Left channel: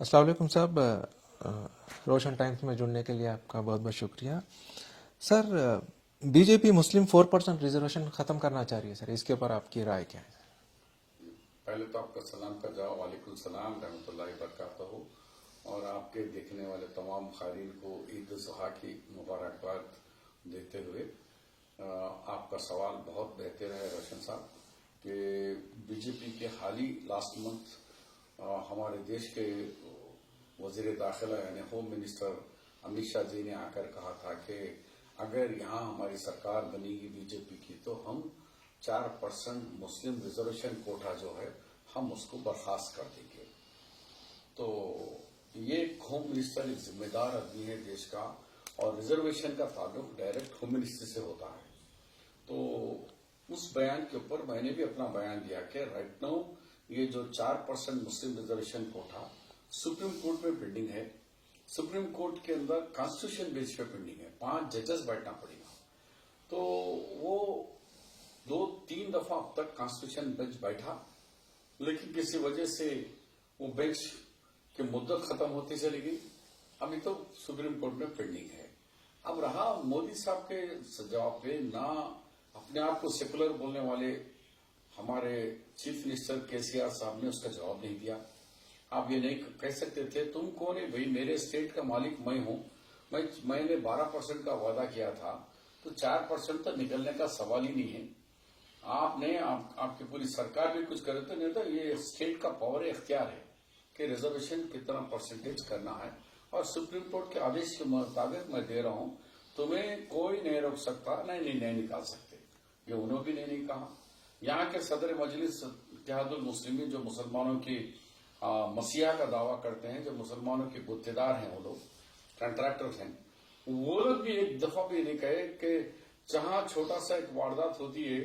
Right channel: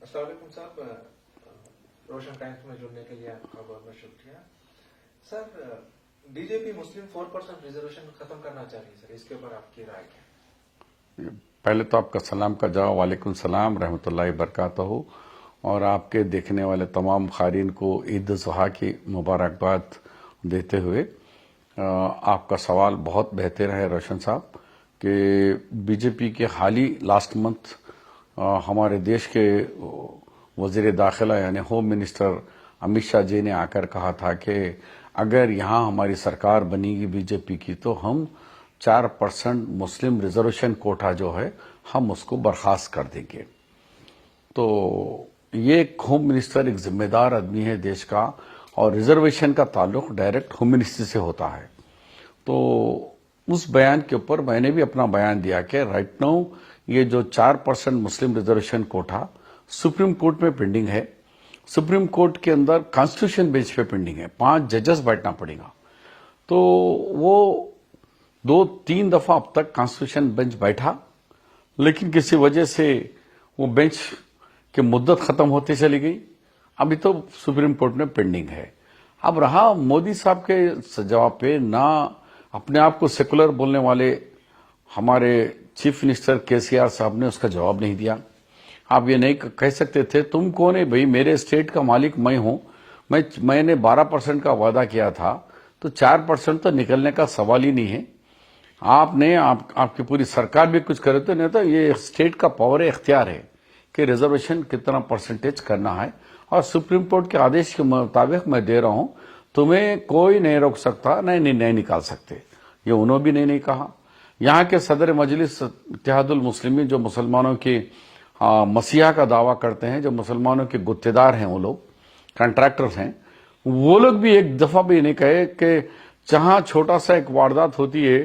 अस्सलाम वालेकुम साहब। रोशन टाइम्स में जुड़ने के लिए आपका बहुत बहुत शुक्रिया सर। बीजेपी मुस्लिम 4% रिजर्वेशन ख़त्म करना चाह रही है सर, इसके ऊपर आपकी राय क्या है? पहले तो आपका सलाम का जवाब वालेकुम सलाम रहमतुल्लाहि बरकातहू। और आपके देखने वाले तमाम खारीन को ईद ज़ुहा की मुबारकबाद देते हुए आपका सवाल बहुत बेहतर है रोशन साहब कि बीजेपी के हाल ही लास्ट मंथ हमारे देश के वज़ीर दाखिला यानी होम मिनिस्टर अमित शाह जी ने आकर कहा था कि अगर यहाँ हमारी सरकार बनेगी बीजेपी की तो हम 4% मुस्लिम रिजर्वेशन कोटा जो है हम उसको बर्खास्त कर देंगे। तो ये एक होम मिनिस्टर एक जिम्मेदार आदमी है देश का, और रिजर्वेशन का ताल्लुक डायरेक्ट होम मिनिस्ट्री से होता है। तो उस बयान के ऊपर मैंने भी अपना बयान दिया कि राइट नाउ ये जो 4% मुस्लिम रिजर्वेशन कोटा सुप्रीम कोर्ट में पेंडिंग है। सुप्रीम कोर्ट के अंदर कॉन्स्टिट्यूशन बेंच पे पेंडिंग है, 5 जजेस बैठना पड़ेगा। तो वो 2-3 दफा अब तक कॉन्स्टिट्यूशन बेंच बैठा, लेकिन किसी वजह से वो बेंच की मुद्दत खत्म होती चली गई। अभी तो सुप्रीम कोर्ट में पेंडिंग है। अब रहा मोदी साहब के जवाब पे, ना अपने आप को सेकुलर बोलने वाले हमारे चीफ मिनिस्टर केसीआर साहब ने उसका जवाब नहीं दिया। आप ये नहीं कह सकते थे तुम कौन है भाई, मेरे स्टेट का मालिक मैं हूं, मैंने 12% का वादा किया था तो 4% तो निकलने का सवाल ही नहीं है। आपने आपकी पूरी सरकार भी कुछ करे तो नहीं, तो ये स्टेट का पावर है, इख्तियार है कि रिजर्वेशन कितना परसेंटेज करना है, और सुप्रीम कोर्ट के आदेश के मुताबिक मैं दे रहा हूं, तुम्हें कोई नहीं रोक सकता, नहीं निकाल सकते। ये उन्होंने भी नहीं कहा। यहाँ के सदर मजलिस इत्तेहादुल मुस्लिमीन जो मुसलमानों की मसीहा का दावा करते हैं, जो मुसलमानों के गुत्तेदार हैं, वो लोग कॉन्ट्रैक्टर्स हैं, वो लोग भी एक दफा भी नहीं कहे कि जहां छोटा सा एक वारदात होती है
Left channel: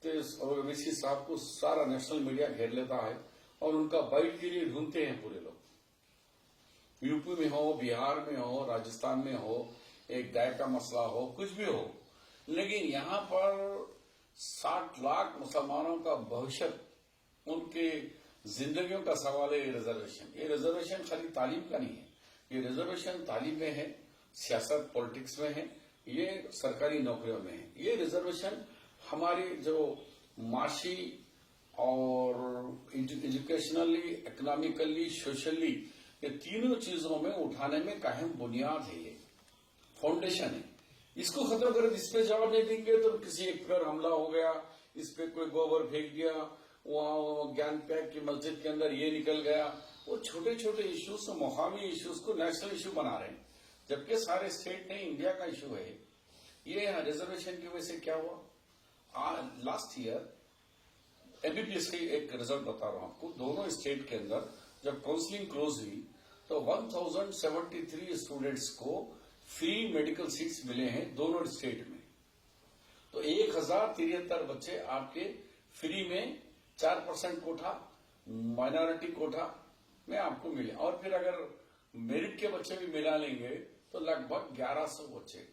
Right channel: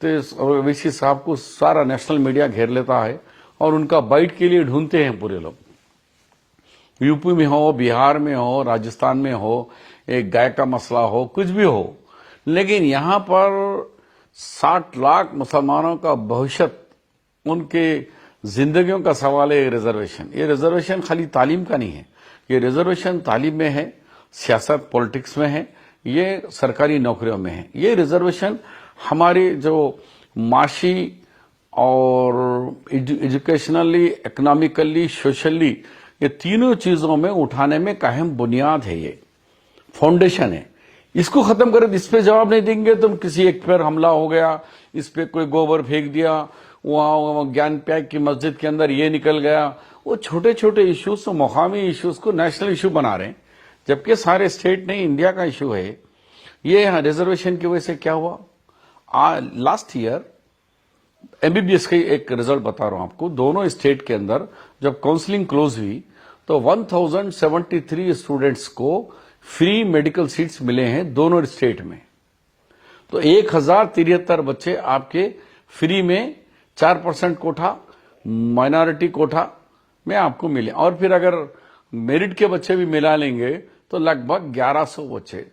तो ओवैसी साहब को सारा नेशनल मीडिया घेर लेता है और उनका बाइट के लिए ढूंढते हैं पूरे लोग। यूपी में हो, बिहार में हो, राजस्थान में हो, एक गाय का मसला हो, कुछ भी हो, लेकिन यहां पर 60 लाख मुसलमानों का भविष्य, उनके जिंदगियों का सवाल है। रिजर्वेशन, ये रिजर्वेशन खाली तालीम का नहीं है, ये रिजर्वेशन तालीम में है, सियासत पॉलिटिक्स में है, ये सरकारी नौकरियों में है। ये रिजर्वेशन हमारी जो माशी और एजुकेशनली, इकोनॉमिकली, सोशली, ये तीनों चीजों में उठाने में कायम बुनियाद है, ये फाउंडेशन है। इसको खत्म करें, इस पे जवाब नहीं देंगे तुम, किसी एक पर हमला हो गया, इस पे कोई गोबर फेंक दिया, वहां ज्ञान पैक की मस्जिद के अंदर ये निकल गया, वो छोटे छोटे इश्यूज तो मुकामी इश्यूज को नेशनल इशू बना रहे हैं, जबकि सारे स्टेट नहीं, इंडिया का इशू है ये। रिजर्वेशन की वजह से क्या हुआ, लास्ट ईयर एमबीबीएस का एक रिजल्ट बता रहा हूं आपको, दोनों स्टेट के अंदर जब काउंसलिंग क्लोज हुई तो 1073 स्टूडेंट्स को फ्री मेडिकल सीट्स मिले हैं दोनों स्टेट में। तो 1073 बच्चे आपके फ्री में 4% कोठा, माइनॉरिटी कोठा में आपको मिले, और फिर अगर मेरिट के बच्चे भी मिला लेंगे तो लगभग 1100 बच्चे।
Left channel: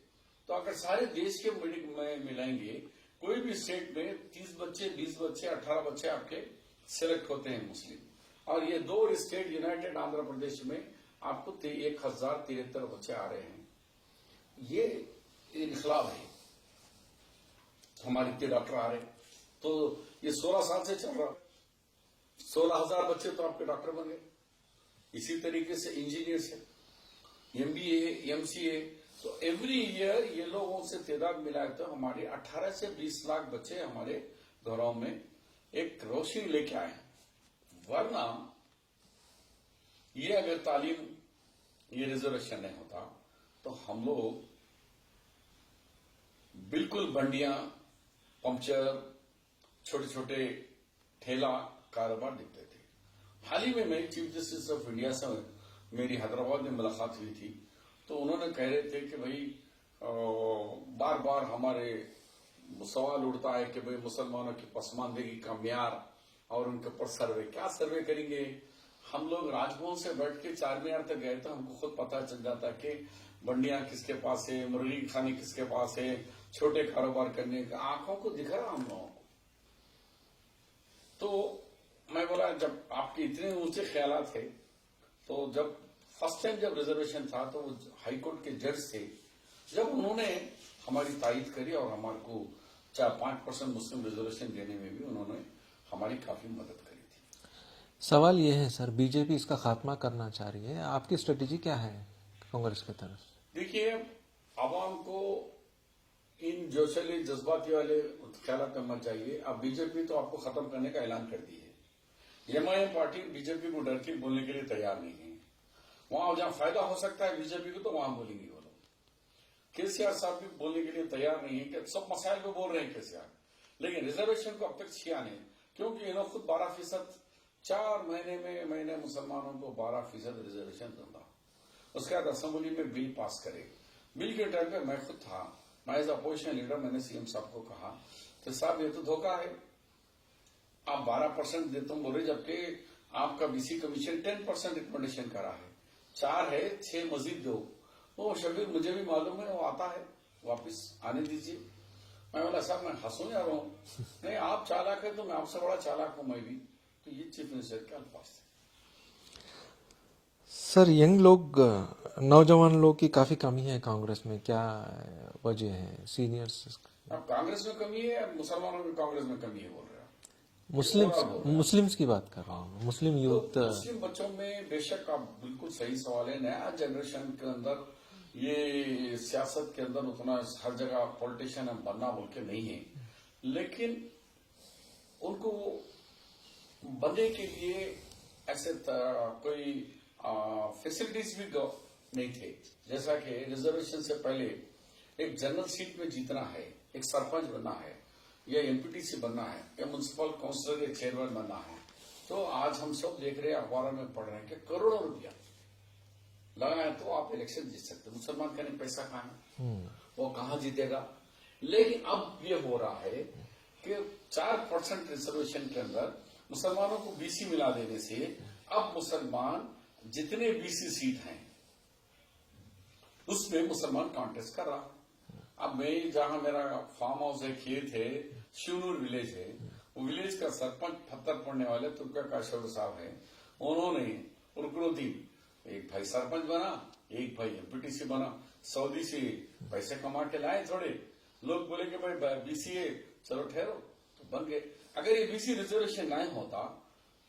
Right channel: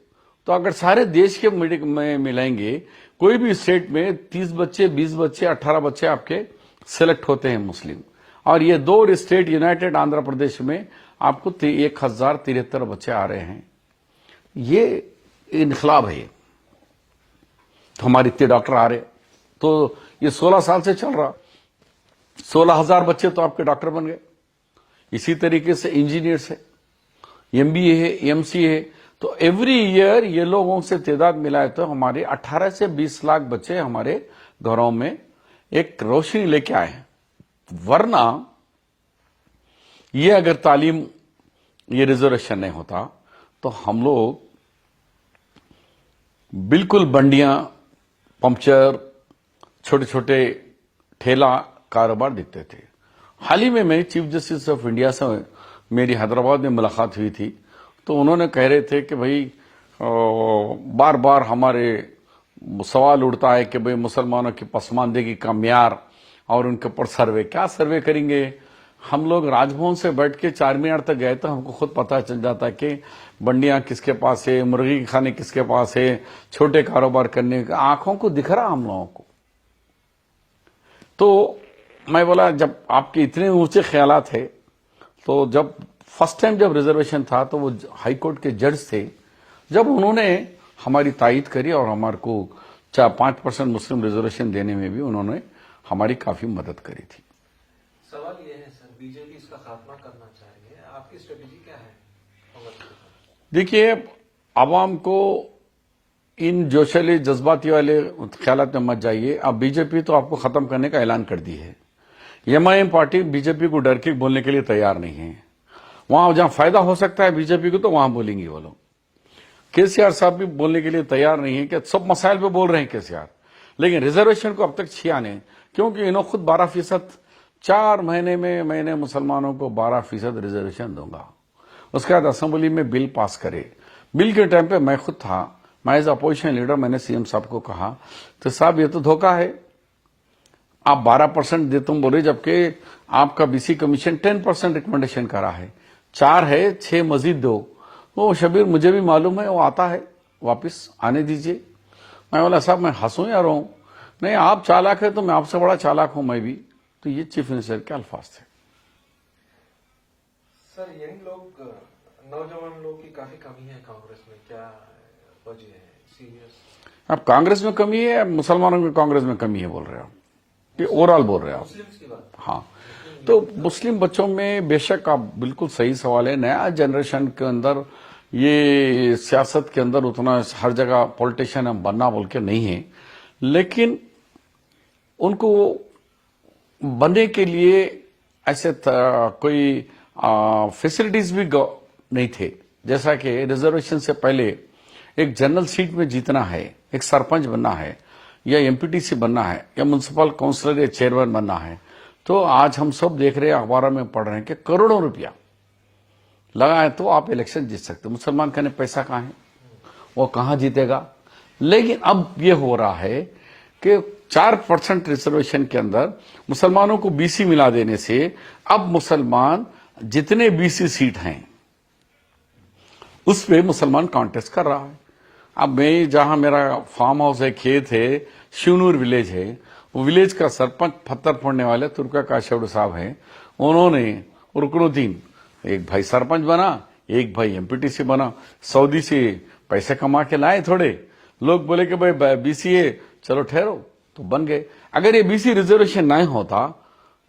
तो अगर सारे देश के में मिलाएंगे, कोई भी स्टेट में 30 बच्चे, 20 बच्चे, 18 बच्चे आपके सिलेक्ट होते हैं मुस्लिम। और ये 2 स्टेट यूनाइटेड आंध्र प्रदेश में आपको 1073 बच्चे आ रहे हैं। ये इनकलाब है। तो हमारे इतने डॉक्टर आ रहे, तो ये 16 साल से चल रहा, 16,000 बच्चे तो आपके डॉक्टर बन गए। इसी तरीके से इंजीनियर्स है, एमबीए है, एमसीए है। तो एवरी ईयर ये लोगों से तादाद मिलाए तो हमारे 18 से 20 लाख बच्चे हमारे घरों में एक रोशनी लेके आए हैं। वरना ये अगर तालीम, ये रिजर्वेशन नहीं होता तो हम लोग बिल्कुल बंडियां, पंक्चर, छोटे छोटे ठेला कारोबार दिखते थे। हाल ही में मैं चीफ जस्टिस ऑफ इंडिया से मेरी हैदराबाद में मुलाकात हुई थी, तो उन्होंने कह रहे थे कि भाई बार बार हमारे सवाल उठता है कि भाई मुसलमानों की पसमानदगी का म्यार और उनके ऊपर सर्वे, क्या सर्वे करेंगे। हम लोग राजभवन से बैठ के 4 मीनार तक गए तो हमको खुद पता चल जाता है कि बंडियां किसके पास है, मुर्गी खाने किसके पास है, छोटे कारोबार करने का आंखों को दिख रहा हम लोगों को। तो मैं बोला जब आपके इतने ऊंचे ख्यालात है तो जब फर्स्ट टाइम जब रिजर्वेशन था तो वो हाई कोर्ट के जज थे, जब उन्होंने हमारी तायीद करी और हमारे को 4-5% मुस्लिम रिजर्वेशन देने में भी उन्होंने हमारी काफी मदद करी थी। सवाल ये है सर, बीजेपी इसका खात्मा करना चाह रही है, आपकी स्ट्रेटेजी क्या है कांग्रेस की तरफ? देखिए, आवाम को इन जोशेले जज्बाती वाले ख्यालात में मत जाइए। अब बीजेपी तो आपको खत्म करने का ऐलान कर दी है। एमआईएम पार्टी बीजेपी को डर के बोलने के लिए तैयार नहीं है। वहां जहां फायदा हो सकता है बीजेपी को तो वहां बोलेंगे वो लोग। केसीआर साहब भी बोलने के लिए तैयार नहीं है कि सब मसाइल पे बोल रहे हैं केसीआर, लेकिन रिजर्वेशन को अब तक छिया नहीं, क्योंकि इन्होंने खुद 12%, 4 महीने में मैंने मुसलमानों को 12% रिजर्वेशन दूंगा। उसके बाद असेंबली में बिल पास करे। बिल के टाइम पे मैं खुद था, मैं एज अपोजिशन लीडर, मैंने सीएम साहब को कहा, तो साहब ये तो धोखा है, आप 12% दे तुम बोले, जबकि आपका बीसी कमीशन 10% रिकमेंडेशन करा है, 4 है, 6 मजीद दो। वो शबीर मुझे भी मालूम है, वो आता है, वापस आने दीजिए। मैं बोला साहब मैं हंसूं या रोऊं? नहीं, आप चालाक है तो मैं आपसे बड़ा चालाक हूं मैं भी। तो ये चीफ मिनिस्टर के अल्फाज थे। सर, यंग लोग, नौजवान लोग की काफी कमी है कांग्रेस में, क्या वजह है? सीनियर्स अब कांग्रेस में कमी है, मुसलमानों में कांग्रेस में कमी है बोल रहे हो? ये ओवरऑल बोल रहे हो? मुस्लिम्स की बात कर रहे हैं। हाँ, मुस्लिम तो यूथ, मुस्लिम बच्चों में बेशक आप बिल्कुल सही सवाल है। नया जनरेशन के अंदर ये सियासत के अंदर उतना हर जगह पॉलिटिशियन हम बनना बोल के नहीं है, लेकिन उनको बनने के लिए ऐसे कोई फैसिलिटीज भी नहीं थे। जैसा कि रिजर्वेशन से पहले एक जनरल सीट में जीतना है, एक सरपंच बनना है, या एमपीटीसी बनना है, या म्युनिसिपल काउंसिलर या चेयरमैन बनना है, तो आज हम सब देख रहे हैं, अखबारों में पढ़ रहे हैं कि करोड़ों रुपया लगा है तो आप इलेक्शन जीत सकते। मुसलमान कहने पैसा कहाँ है, वो कहाँ जीतेगा? लेकिन अब ये हो रहा है कि 4% रिजर्वेशन के अंदर मुसलमानों को बीसी मिला देने से अब मुसलमान जितने बीसी सीट हैं उस पे मुसलमान कॉन्टेस्ट कर रहा है। अब मैं जहां मेरा फार्म हाउस है, खेत है, शिवनूर विलेज है, वो विलेज का सरपंच पत्थर फोड़ने वाले तुर्का काशेवड़ साहब हैं, उन्होंने रुकनुद्दीन, एक भाई सरपंच बना, एक भाई एमपीटीसी बना, सऊदी से पैसे कमा के लाए थोड़े लोग, बोले कि भाई बीसीए, चलो ठहरो, तो बन गए। अगर ये बीसी रिजर्वेशन नहीं होता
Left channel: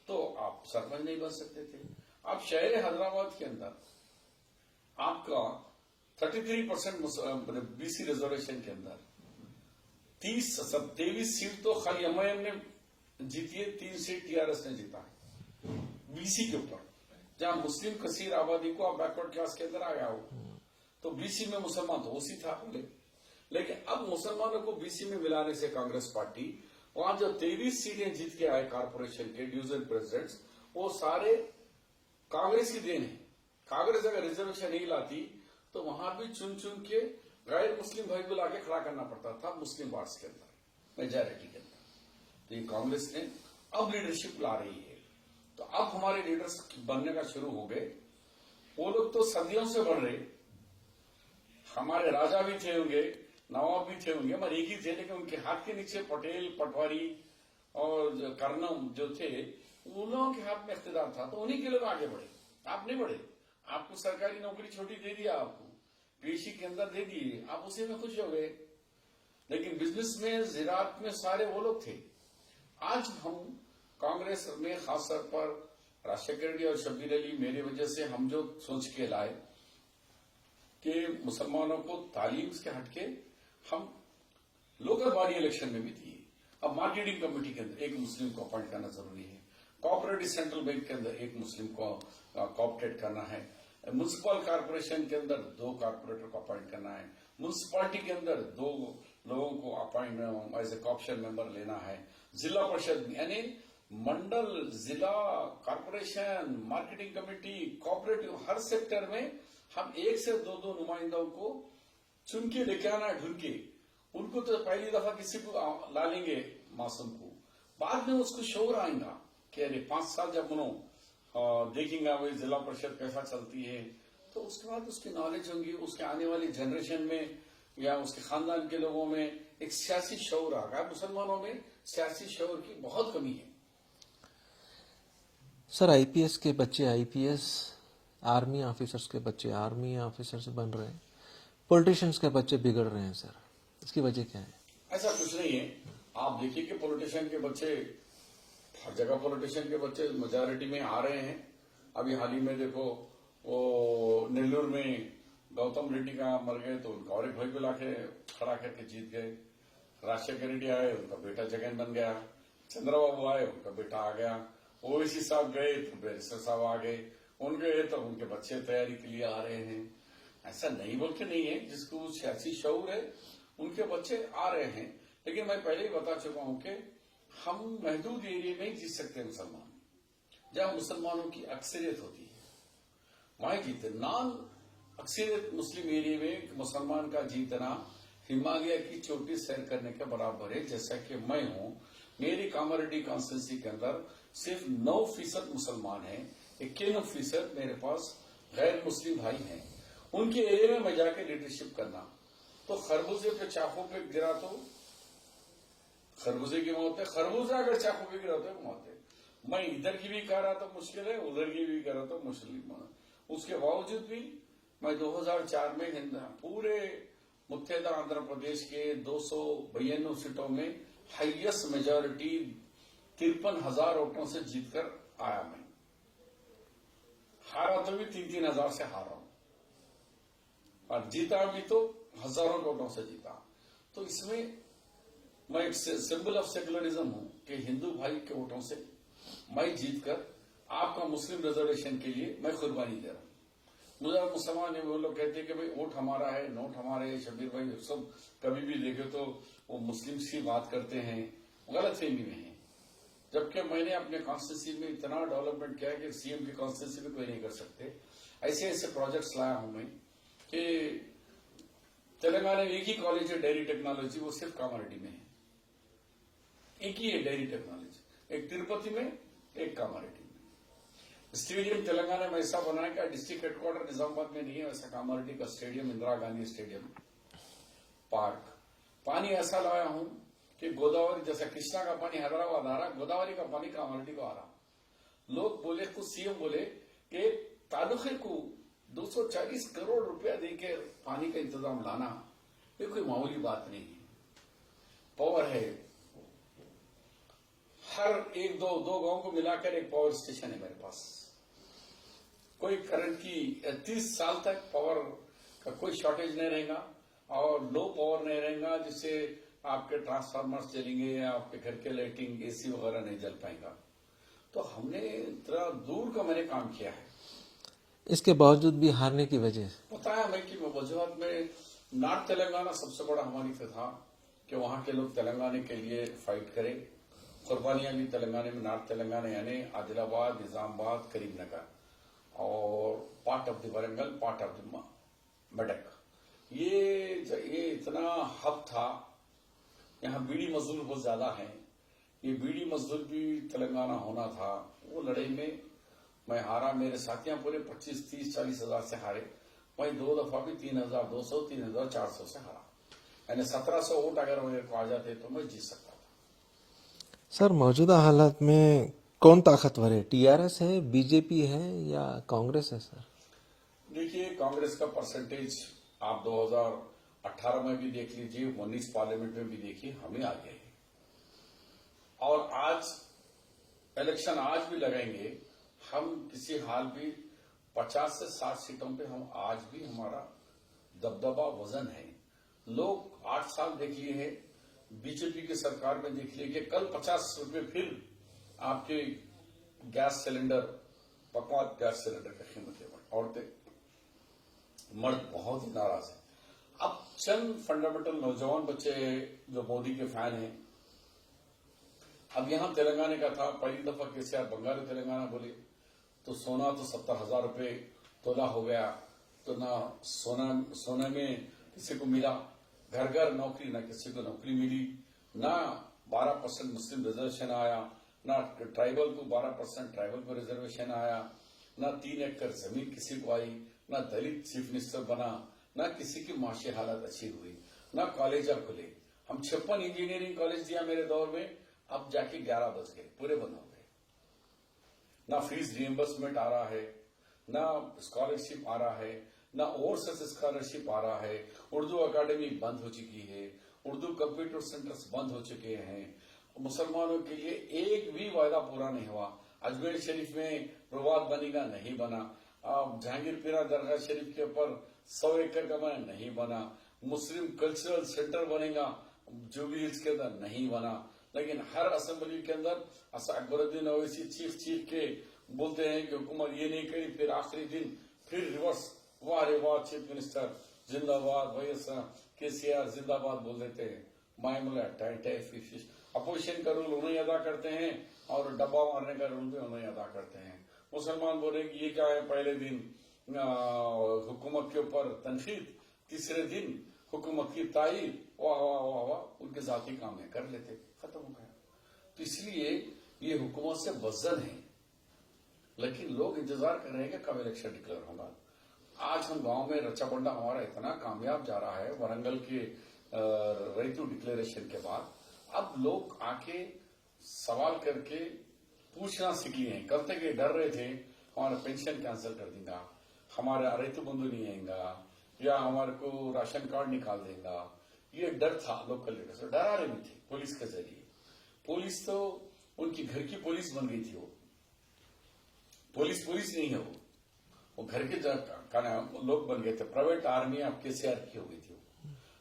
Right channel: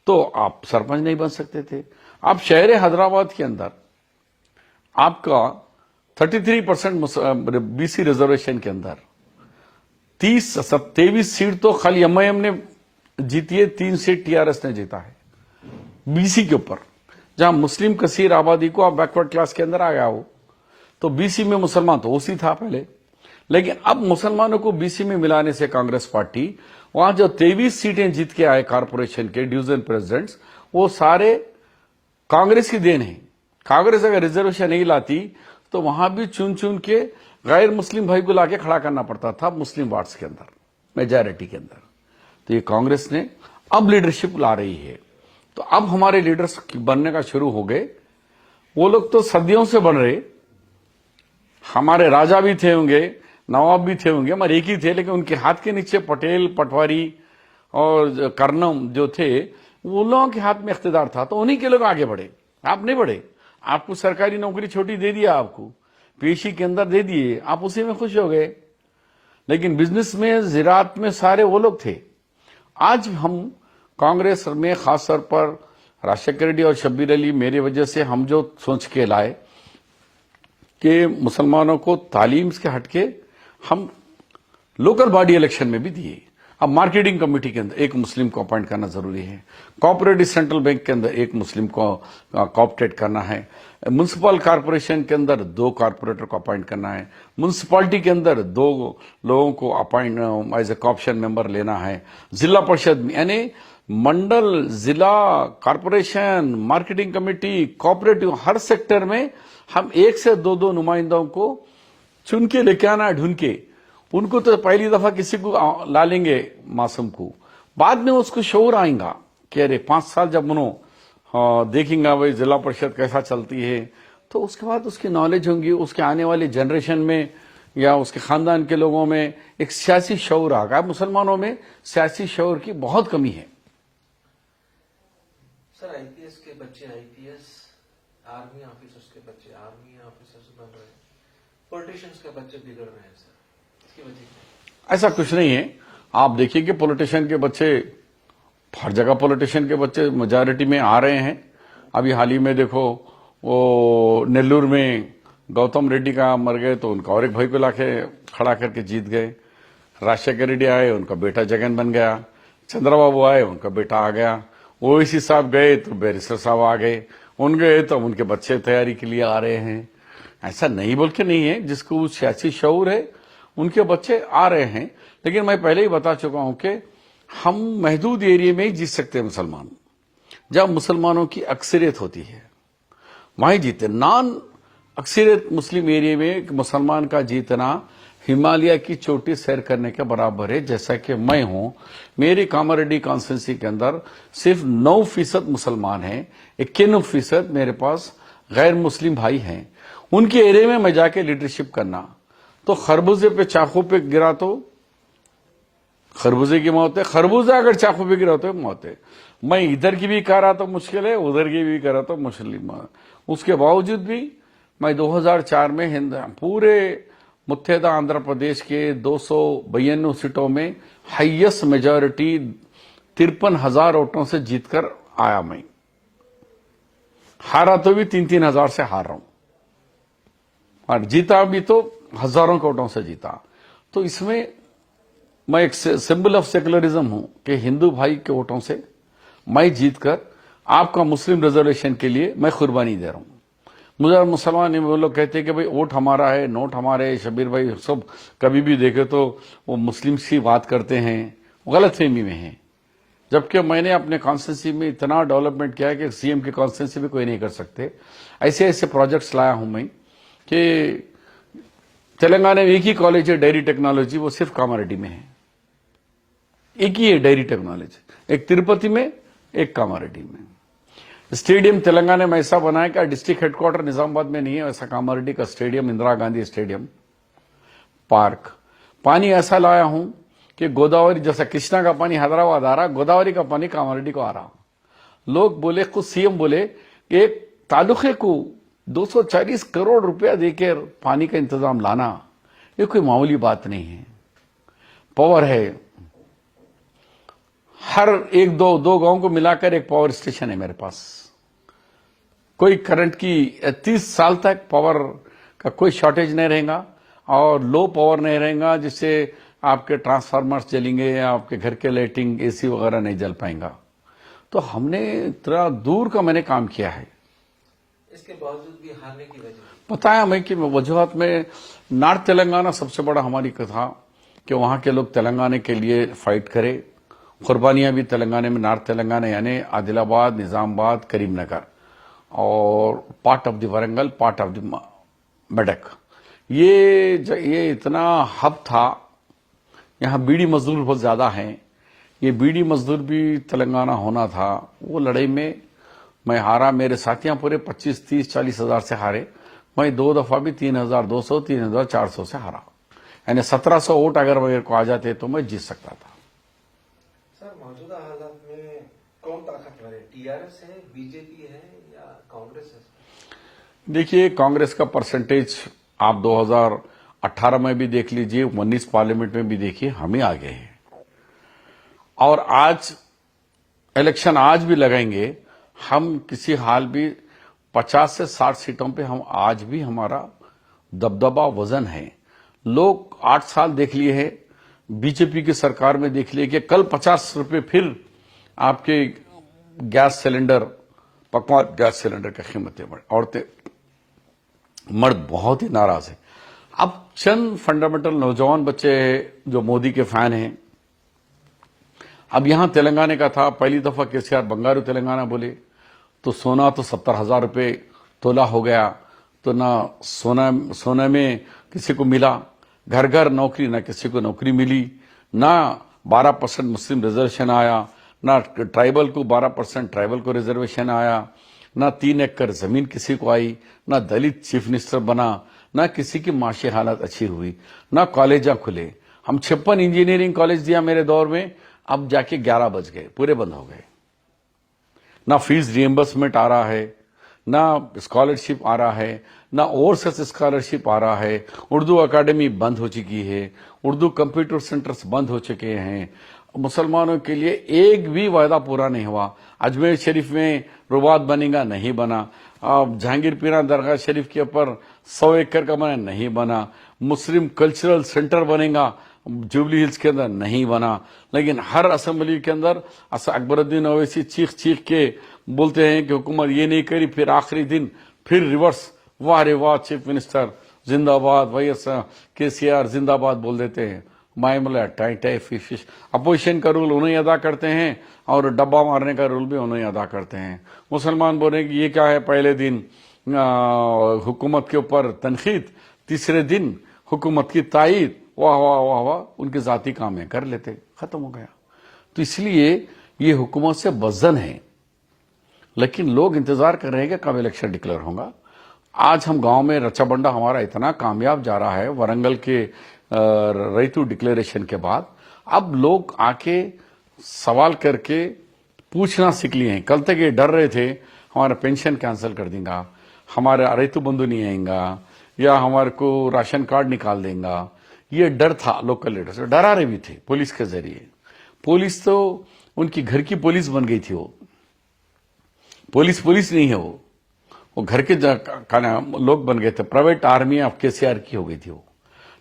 तो आप सरपंच नहीं बन सकते थे। आप शहर हैदराबाद के अंदर आपका 33% बीसी रिजर्वेशन के अंदर 23 सीट तो खाली एमआईएम ने जीती है, 3 सीट टीआरएस ने जीता है बीसी के ऊपर। जहां मुस्लिम कसीर आबादी को आप बैकवर्ड क्लास के अंदर आ गया हो, तो बीसी में मुसलमान तो ओसी था पहले, लेकिन अब मुसलमानों को बीसी में मिलाने से कांग्रेस पार्टी वहां जो 23 सीटें जीत के आए कारपोरेशन के डिवीजन प्रेसिडेंट्स, वो सारे कांग्रेस की देन है। कांग्रेस अगर रिजर्वेशन नहीं लाती तो वहां भी चुन चुन के गैर मुस्लिम भाई को लाके खड़ा करना पड़ता था मुस्लिम वार्ड्स के अंदर, मेजॉरिटी के अंदर। तो ये कांग्रेस ने अब लीडरशिप ला रही है, तो अब हमारे लीडर्स बनने का शुरू हो गए। वो लोग तो सदियों से बन रहे, हमारे राजा भी थे होंगे, नवाब भी थे होंगे, हमारे एक ही थे, लेकिन उनके हाथ के नीचे पटेल, पटवारी और कर्नम जो थे, वो लोगों के हाथ में इख्तिदार था, तो उन्हीं के लोग आगे बढ़े। आप नहीं बढ़े। आपको सरकारी नौकरी छोटी दे दिया, आपको पेशी के अंदर दे दिए, आप उसी में खुश हो गए, लेकिन बिजनेस में, जिरात में सारे वो लोग थे। आज हम कांग्रेस में खास तौर पर राजशेखर रेड्डी और शब्बीर अली, मेरी वजह से हम जो सोच के लाए कि मुसलमानों को तालीम के हटके हम लोकल बॉडी इलेक्शन में भी दिए। अब मार्केटिंग कमेटी के अंदर एक मुस्लिम को अपॉइंट करना जरूरी है, कोऑपरेटिव सेंट्रल बैंक के अंदर एक मुस्लिम को कोऑपरेट करना है, म्युनिसिपल कॉर्पोरेशन के अंदर 2 कॉर्पोरेटर को अपॉइंट करना है, म्युनिसिपैलिटी के अंदर 2 लोगों को appoint as a corporation member लेना है, जिला परिषद में यानी मंडल, जिला, कॉर्पोरेशन, मार्केटिंग कमेटी, कोऑपरेटिव, हर सेक्टर में हम 1 से 2 नुमाइंदों को चुन के लेके आना, ढूंढ के। उनको तो पहली दफा किसी को ला लेंगे मासूम को, बाद में उसको शौर आएगा कि अरे 5 साल जब देखेंगे भाई जिला परिषद कैसा चलती है, तो उसके बाद उसकी नॉलेज होंगी, उसके आने वाली जनरेशन में या उसके खानदान के लोगों में एक सियासी शौर आ गया। मुसलमानों में सियासी शौर की बहुत कमी है। सर, आईपीएस के बच्चे आईपीएस आर्मी ऑफिसर्स के बच्चे आर्मी ऑफिसर्स बन रहे हैं, पॉलिटिशियंस के बच्चे बिगड़ रहे हैं सर, इसकी वजह क्या है? ऐसा कुछ नहीं है। आप देखिए कि पॉलिटिशियन के बच्चे, हर जगह पॉलिटिशियन के बच्चे मेजॉरिटी में आ रहे हैं। अभी हाल ही में देखो, वो नेल्लूर में गौतम रेड्डी का मर गए तो उनका और एक भाई को लाके खड़ा करके जीत गए। राजशेखर रेड्डी आए, उनका बेटा जगन बन गया। चंद्रबाबू आए, उनका बेटा आ गया। ओवैसी साहब गए तो बैरिस्टर साहब आ गए। उन गए तो उनके बच्चे तैयारी के लिए आ रहे हैं। ऐसा नहीं बोल के नहीं है, जिसको सियासी शऊर है उनके बच्चे आ रहे हैं। लेकिन मैं पहले ही बता चुका हूं कि हम महदूद एरिया में ही जीत सकते हैं मुसलमान। जब मुसलमानों की अक्सरियत होती है वहीं जीते। नॉन अक्सरियत मुस्लिम एरिया में एक मुसलमान का जीतना हिमालय की चोटी सैर करने के बराबर है। जैसा कि मैं हूं, मेरी कामारेड्डी कॉन्स्टिट्यूंसी के अंदर सिर्फ 9% मुसलमान हैं, 91% मेरे पास गैर मुस्लिम भाई हैं। उनके एरिया में मैं जाके लीडरशिप करना, तो खरबूजे पे चाकू पे गिरा तो खरबूजे की मौत है, खरबूजा अगर चाकू पे गिरा तो मौत है। मैं इधर की भी कर रहा तो मुश्किल है, उधर की भी कर रहा तो मुश्किल। उसके बावजूद भी मैं 2004 में पूरे मुत्तहदा आंध्र प्रदेश के 292 सीटों में हाईएस्ट मेजॉरिटी 53,000 वोटों से जीतकर आया। मैं हारा तो भी 3-3 हजार से हार रहा हूं, और जीता भी तो हजारों के वोटों से जीता। तो इसमें मैं एक सिंबल ऑफ सेकुलरिज्म हूं कि हिंदू भाई के वोटों से मैं जीतकर आपका मुस्लिम रिजर्वेशन के लिए मैं कुर्बानी दे रहा हूं। मुझे मुसलमान वो लोग कहते हैं कि भाई वोट हमारा है, नोट हमारे है। शबीर भाई सब कभी भी देखे तो वो मुस्लिम की बात करते हैं, गलत फहमी में है। जबकि मैंने अपने कॉन्स्टिट्यूंसी में इतना डेवलपमेंट किया है कि सीएम की कॉन्स्टिट्यूंसी भी कोई नहीं कर सकते। ऐसे ऐसे प्रोजेक्ट्स लाया हूं मैं कि तेलंगाना में एक ही कॉलेज है डेयरी टेक्नोलॉजी, वो सिर्फ कामारेड्डी में है। एक ही है डेयरी टेक्नोलॉजी, एक तिरुपति में, एक कामारेड्डी में। स्टेडियम तेलंगाना में ऐसा बनाया कि डिस्ट्रिक्ट हेडक्वार्टर निजामाबाद में नहीं है, वैसा कामारेड्डी का stadium, Indira Gandhi stadium, park. पानी ऐसा लाया हूं कि गोदावरी, जैसा कृष्णा का पानी हैदराबाद आ रहा, गोदावरी का पानी कामारेड्डी को आ रहा। लोग बोले, खुद सीएम बोले, एक तालुके को 240 करोड़ रुपया देकर पानी का इंतजाम लाना ये कोई मामूली बात नहीं है। पावर है, हर एक दो गांव को मिलाकर एक पावर स्टेशन है मेरे पास। कोई करंट की 30 साल तक पावर का कोई शॉर्टेज नहीं रहेगा, और लो पावर नहीं रहेगा जिससे आपके ट्रांसफार्मर्स जलेंगे या आपके घर के लाइटिंग एसी वगैरह नहीं जल पाएगा। तो हमने इतना दूर का मैंने काम किया है। इसके बावजूद भी हारने की वजह बताया मैं कि वजूहत में नॉर्थ तेलंगाना सबसे बड़ा हमारी कथा कि वहां के लोग तेलंगाना के लिए फाइट करें। कुर्बानियां भी तेलंगाना में, नॉर्थ तेलंगाना यानी आदिलाबाद, निजामाबाद, करीमनगर और part of the Warangal, part of the Medak. ये इतना हब था। यहाँ बीड़ी मजदूर बहुत ज्यादा हैं। ये बीड़ी मजदूर भी तेलंगाना होना था। वो लड़ाई में मैं हारा। मेरे साथियां पूरे 25, 30, 40 हजार से हारे। मैं 2 दफा भी 3,200, 3,400 से हारा। यानी 1700 वोट अगर मेरे को आ जाते तो मैं जीत सकता था। सर, मौजूदा हालात में कौन ताकतवर है? टीआरएस है, बीजेपी है या कांग्रेस है सर? देखिए, कांग्रेस का परसेंटेज आप 2018 में भी देख लीजिए, 19 पार्लियामेंट में भी देखिए, हम ही आगे हैं। और आज इलेक्शन आज भी लगाएंगे हम, किसी हाल भी 50 से 60 सीटों पे हम आज भी हमारा दबदबा वजन है। लोग 8 साल देख लिए हैं, बीजेपी की सरकार में देख लिए कि कल 50 रुपए फिर आपके गैस सिलेंडर, पकवान गैस सिलेंडर की कीमतें बढ़े। औरतें मर्द बहुत ही नाराज है। अब चंद फंडामेंटल नौजवान बच्चे जो मोदी के फैन हैं, अब यहां तेलंगाना का था, पहली दफा केसीआर बंगारू तेलंगाना बोले तो सोना तो 70,000 रुपए तोला हो गया। तो ना सोना में किसी को मिला, घर घर नौकरी, ना किसी को नौकरी मिली, ना 12% मुस्लिम रिजर्वेशन आया, ना ट्राइबल को 12% ट्राइबल को रिजर्वेशन आया, ना 3 एकड़ जमीन किसी को आई, ना दलित चीफ मिनिस्टर बना, ना किसी की माशी हालत अच्छी हुई, ना कॉलेजा खुले। हम 56 इंजीनियरिंग कॉलेज दिया मेरे दौर में, अब जाके 11 बज गए, पूरे बंद हो गए। ना फीस रिएम्बर्समेंट आ रहा है, ना स्कॉलरशिप आ रहा है, ना ओवरसीज स्कॉलरशिप आ रहा है। उर्दू अकादमी बंद हो चुकी है, उर्दू कंप्यूटर सेंटर्स बंद हो चुके हैं। मुसलमानों के लिए एक भी वायदा पूरा नहीं हुआ। अजमेर शरीफ में रुबात बनेगा, नहीं बना। जहांगीर पीरा दरगाह शरीफ के ऊपर 100 एकड़ का बना, नहीं बना। मुस्लिम कल्चरल सेंटर बनेगा जुबली हिल्स के अंदर, नहीं बना। लेकिन हर असेंबली के अंदर अकबरुद्दीन ओवैसी चीख चीख के बोलते हैं कि हुकूमत ये नहीं करी, फिर आखिरी दिन फिर रिवर्स, वाह रे वाह चीफ मिनिस्टर जिंदाबाद, वाईएसआर केसीआर जिंदाबाद बोल देते हैं। मामला टाई टाई फिश। अपोजिशन का रूल उन्हें अदा करते हैं और डब्बा मारने का रूल भी उन्हें अदा करते हैं। मुसलमान बोल रहे हैं कि ये क्या है, पहले दिन हुकूमत के ऊपर तनखीद, तीसरे दिन हुकूमत की तायीद, वाह वाह वाह वाह, उनके जाती काम है, कर लेते, खत्म हो गया। तो इसलिए ये हुकूमत से वजन है। लेकिन लोग इंतजार कर रहे हैं कि कब इलेक्शन डिक्लेयर होगा। आज हम गांव में रचा बंडा हमारा इतना कामयाब जा रहा है, वरंगल के रैतू डिक्लेरेशन के बाद अब लोग आके सवाल करके पूछना सीख लिए हैं। कल तक ये डर रहे थे हमारा पेंशन कैंसिल कर देगा, हमारा रैतू बंधु नहीं आएगा, या हमारे को राशन कार्ड निकाल देगा। ये डर था लोकल लीडर्स, डरा रहे भी थे पुलिस के जरिए। पुलिस तो उनकी घर की पुलिस बन गई थी। वो पुलिस नहीं है, वो घर के लोग बन गए थे। प्राइवेट आर्मी ऑफ केसीआर की हो गई थी वो।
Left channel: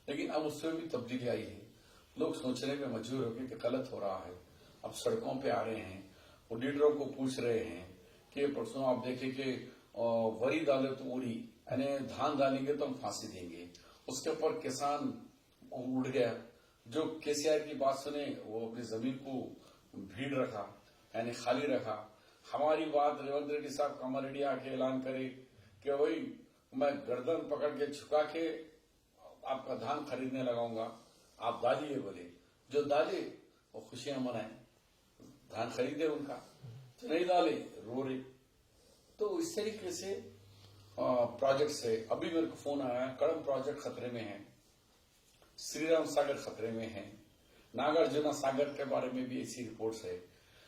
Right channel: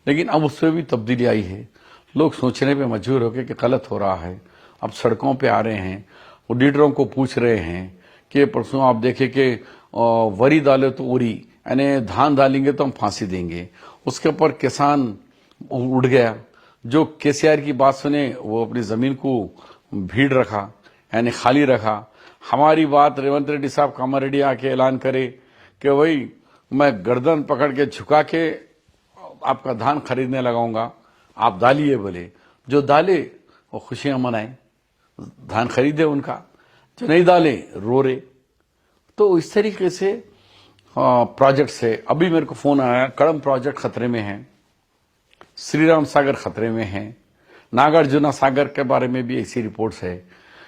लेकिन अब उसमें भी तब्दीली आई है। लोग सोचने पे मजबूर हो गए कि गलत हो रहा है। अब सड़कों पे आ रहे हैं, वो लीडरों को पूछ रहे हैं कि परसों आप देखें कि वरी डाले तो उरी, यानी धान डालेंगे तो हम फांसी देंगे। उसके ऊपर किसान उड़ गया। जो केसीआर की बात सुने वो अपनी जमीन को भीड़ रखा, यानी खाली रखा। हमारी बात रेवंत रेड्डी साहब कामारेड्डी आके ऐलान करे कि भाई मैं गर्दन पकड़ के झुका के आपका धान खरीदने लगाऊंगा, आप डालिए। बोले जो डाले वो खुशियां मनाए, धान खरीदे उनका, जो नहीं डाले रो रहे। तो इस तरीके से प्रोजेक्ट से अभी मेरे को फोन आया, कड़म प्रोजेक्ट खतरे में है, श्रीराम सागर खतरे में है, नागार्जुना सागर के बारे में भी ऐसी रिपोर्ट्स है।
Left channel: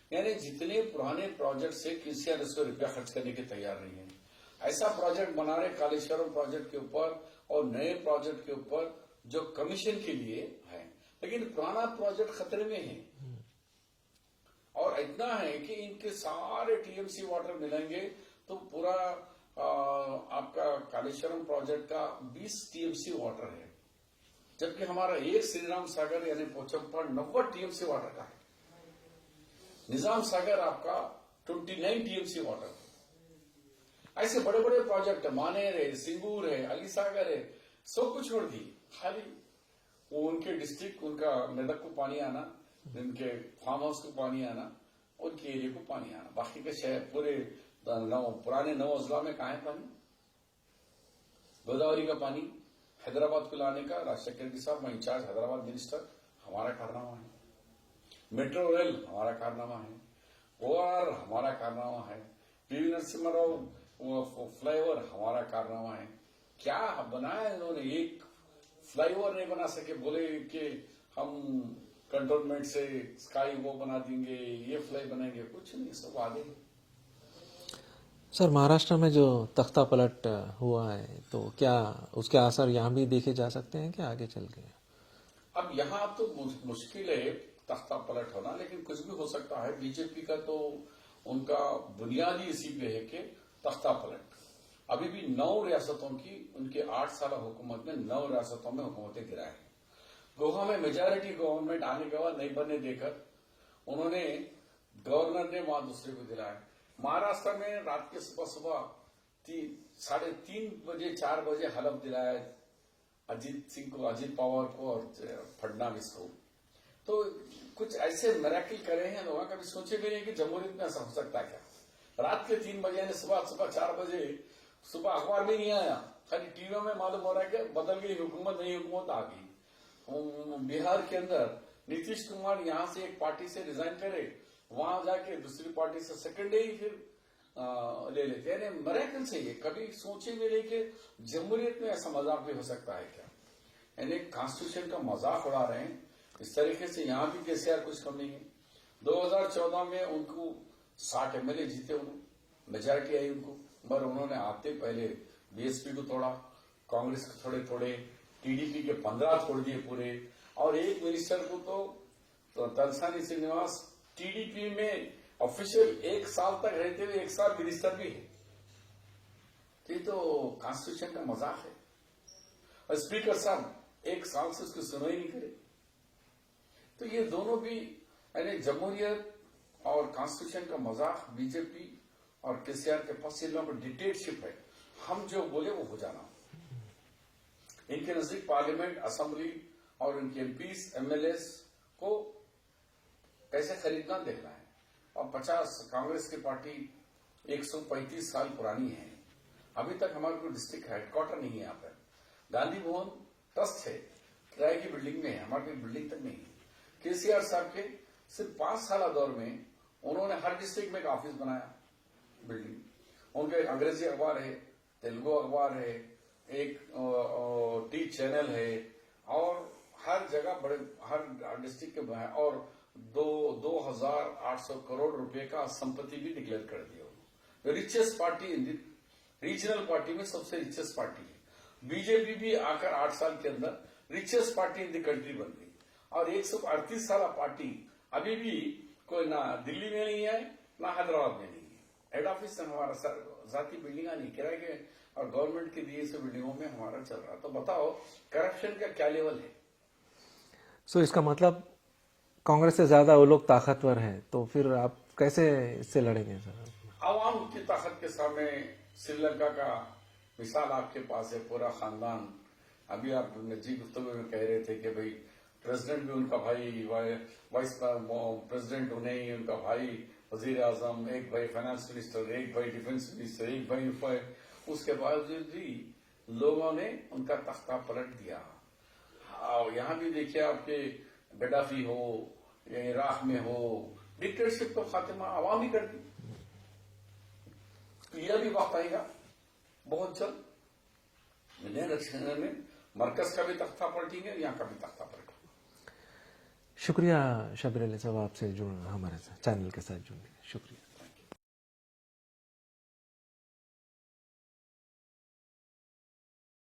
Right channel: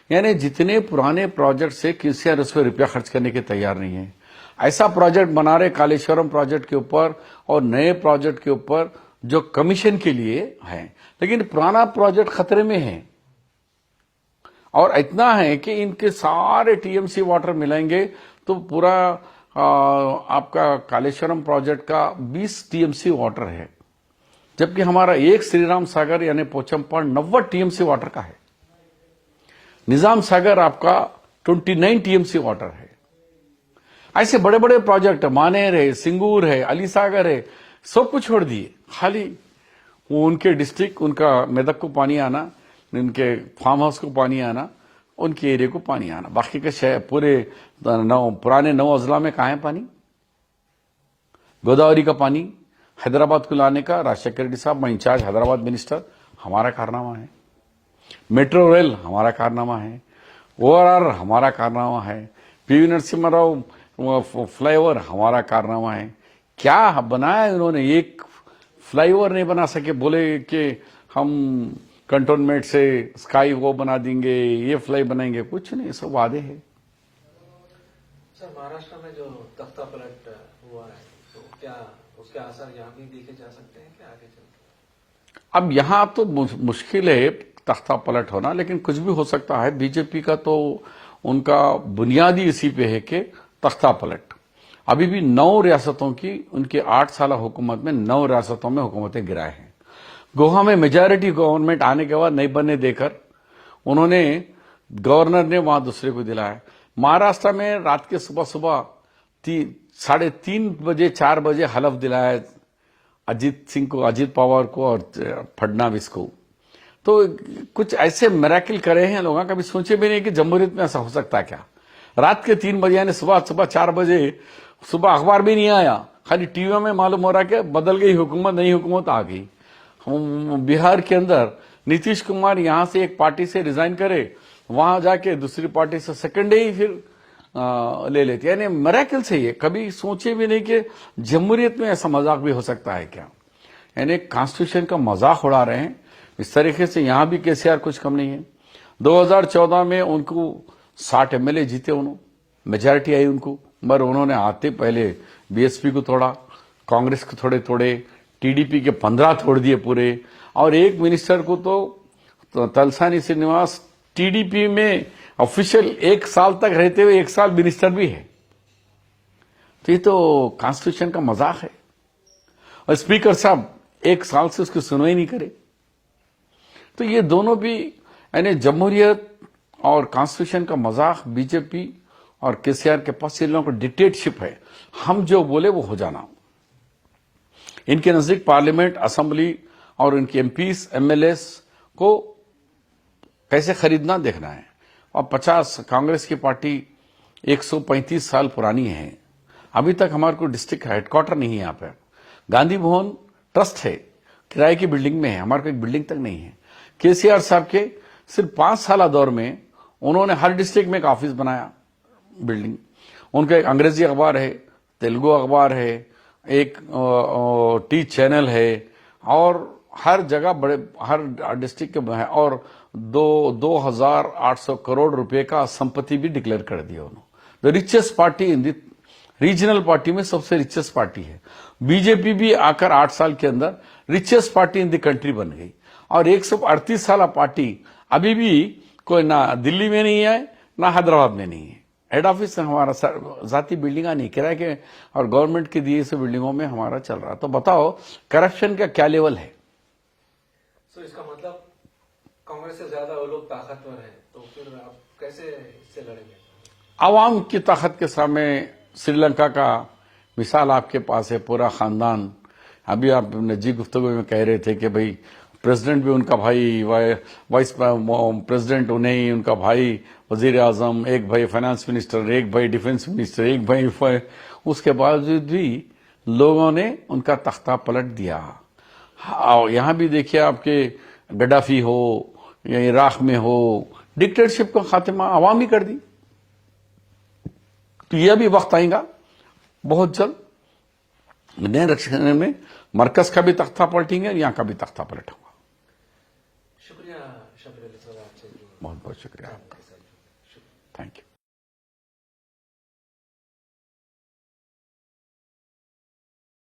यानी जितने पुराने प्रोजेक्ट से केसीआर उस पर रुपया खर्च करने के तैयार नहीं है। ऐसा प्रोजेक्ट बना रहे कालेश्वरम प्रोजेक्ट के ऊपर और नए प्रोजेक्ट के ऊपर जो कमीशन के लिए है, लेकिन पुराना प्रोजेक्ट खतरे में है। और इतना है कि इनके सारे टीएमसी वाटर मिलेंगे तो पूरा आपका कालेश्वरम प्रोजेक्ट का 20 टीएमसी वाटर है, जबकि हमारा एक श्रीराम सागर यानी पोचमपड़ 90 टीएमसी वाटर का है। निजाम सागर आपका 29 टीएमसी वाटर है। ऐसे बड़े बड़े प्रोजेक्ट मानेर है, सिंगूर है, अली सागर है, सब कुछ छोड़ दिए। खाली वो उनके डिस्ट्रिक्ट, उनका मेदक को पानी आना, उनके फार्म हाउस को पानी आना, उनके एरिया को पानी आना। बाकी के शहर पूरे पुराने 9 अजला में कहाँ है पानी? गोदावरी का पानी हैदराबाद को लाने का राजशेखर रेड्डी साहब, मैं इंचार्ज हैदराबाद मिनिस्टर, हमारा कारनामा है। मेट्रो रेल हमारा कारनामा है। ओआरआर हमारा कारनामा है। पीवी नरसिम्हा राव फ्लाईओवर हमारा कारनामा है। क्या बनाया उन्होंने? एक फ्लाईओवर नहीं बना सके। बोले कि हम कंटोनमेंट से स्काई वो बना देंगे, ये फ्लाई बनाएंगे, कुछ नहीं, सब वादे हैं। सर महाराष्ट्र में जो तख्ता पलट हुआ है तो क्या उसके असर यहाँ भी देखे जा सकते हैं कि आगे चल के? अब यहाँ तो मुश्किल है तख्ता पलट होना, लेकिन कुछ भी हो सकता है। बीजेपी का तो उनका बुनियादी इसी पे है कि तख्ता पलट। अभी भी 9 रियासतों की उनकी 8 साल हुकूमत में 9 रियासतों में हुकूमतें गिराए हैं। गोवा में मेजॉरिटी गवर्नमेंट आने के बाद नहीं बनने देकर उन्होंने गवर्नर ने वहां दूसरे को दिलाया। महाराष्ट्र में रात के सुबह 3:30 बजे 4 बजे हलफ दिलाया अजीत सिंह को, अजीत पवार को और फडणवीस को। तो कुछ ऐसे मिरेकल करे हैं लोगों, कभी सोचे भी नहीं कि जमहूरियत में ऐसा हो सकता है क्या। रात के 3 बजे यानी सुबह 4 बजे, सुबह अखबार भी नहीं आया, खाली टीवी में मालूम हो रहा कि बदल गई हुकूमत, नई हुकूमत आ गई। बिहार के अंदर नीतीश कुमार यहां से एक पार्टी से रिजाइन करे, वहां जाके दूसरी पार्टी से सेकंड डे ही फिर ले लेते। यानी मिरेकल से ये कभी सोचे भी नहीं कि जमहूरियत में ऐसा मजाक भी हो सकता है क्या। यानी कॉन्स्टिट्यूशन का मजाक उड़ा रहे हैं इस तरीके से। यहां भी केसीआर कुछ कम नहीं है। 2014 में उनको 60 एमएलए जीते, उन्होंने मेजॉरिटी आई उनको। मगर उन्होंने आते पहले बीएसपी को तोड़ा, कांग्रेस को थोड़े तोड़े, टीडीपी के 15 तोड़ दिए पूरे, और एक मिनिस्टर को तो तलसानी श्रीनिवास टीडीपी में ऑफिशियल 1 साल तक रहते हुए 1 साल मिनिस्टर भी है। तो ये तो कॉन्स्टिट्यूशन का मजाक है। और स्पीकर साहब 1 साल से उसकी सुनवाई नहीं करे। तो ये दोनों भी यानी जमहूरियत और कॉन्स्टिट्यूशन का मजाक बीजेपी और केसीआर के पास ये लोगों को डिक्टेटरशिप है, हम जो बोले वो हो जाना। इनके नजदीक पार्लियामेंट, असेंबली और इनके एमपीस, एमएलएस को कैसे खरीदना देखना है। और 50 कांग्रेस की पार्टी 135 साल पुरानी है, अभी तक हमारे को डिस्ट्रिक्ट हेडक्वार्टर नहीं है। यहाँ पे गांधी भवन ट्रस्ट है, किराए की बिल्डिंग में है, हमारे को एक बिल्डिंग तक नहीं है। केसीआर साहब के सिर्फ 5 साल दौर में उन्होंने हर डिस्ट्रिक्ट में एक ऑफिस बनाया, बिल्डिंग। उनका एक अंग्रेजी अखबार है, तेलुगु अखबार है, एक टी चैनल है, और हर जगह बड़े हर डिस्ट्रिक्ट के है, और 2,800 करोड़ रुपए का संपत्ति भी डिक्लेयर कर दिया उन्होंने। The richest party in the regional party में सबसे रिचेस्ट पार्टी है। बीजेपी भी आकर 8 साल के अंदर richest party in the country बन गई। और 138 साल पार्टी अभी भी कोई ना दिल्ली में नहीं है ना हैदराबाद में नहीं है। हेड ऑफिस हमारा जाती बिल्डिंगा नहीं, किराए के और गवर्नमेंट के दिए से बिल्डिंगों में हमारा चल रहा। तो बताओ करप्शन का क्या लेवल है। सो इसका मतलब कांग्रेस से ज्यादा वो लोग ताकतवर हैं, तो फिर आप कैसे इससे लड़ेंगे सर? आवाम की ताकत के सामने श्रीलंका का मिसाल आपके पास है, पूरा खानदान। अभी आप निजी गुफ्तगू में कह रहे थे कि भाई प्रेसिडेंट भी उनका भाई, वाइस प्रेसिडेंट उन्हें, उनका भाई वजीर आजम, एक भाई फाइनेंस मिनिस्टर, एक भाई डिफेंस मिनिस्टर, एक भाई उसके बावजूद भी लोगों ने उनका तख्ता पलट दिया। यहां भी देखिए आपके गद्दाफी हो या इराक में हो, डिक्टेटरशिप का खात्मा आवाम ही कर दी। तो यह भी वक्त आएगा बहुत जल्द, नए रक्षण में मरकज का भी तख्ता पलटेंगे, यहाँ का भी तख्ता पलट होगा। शुक्रिया शबीर अली साहब, आपसे जुड़ना, बहुत शुक्रिया, चैनल के साथ जुड़ने शुक्रिया। Thank you.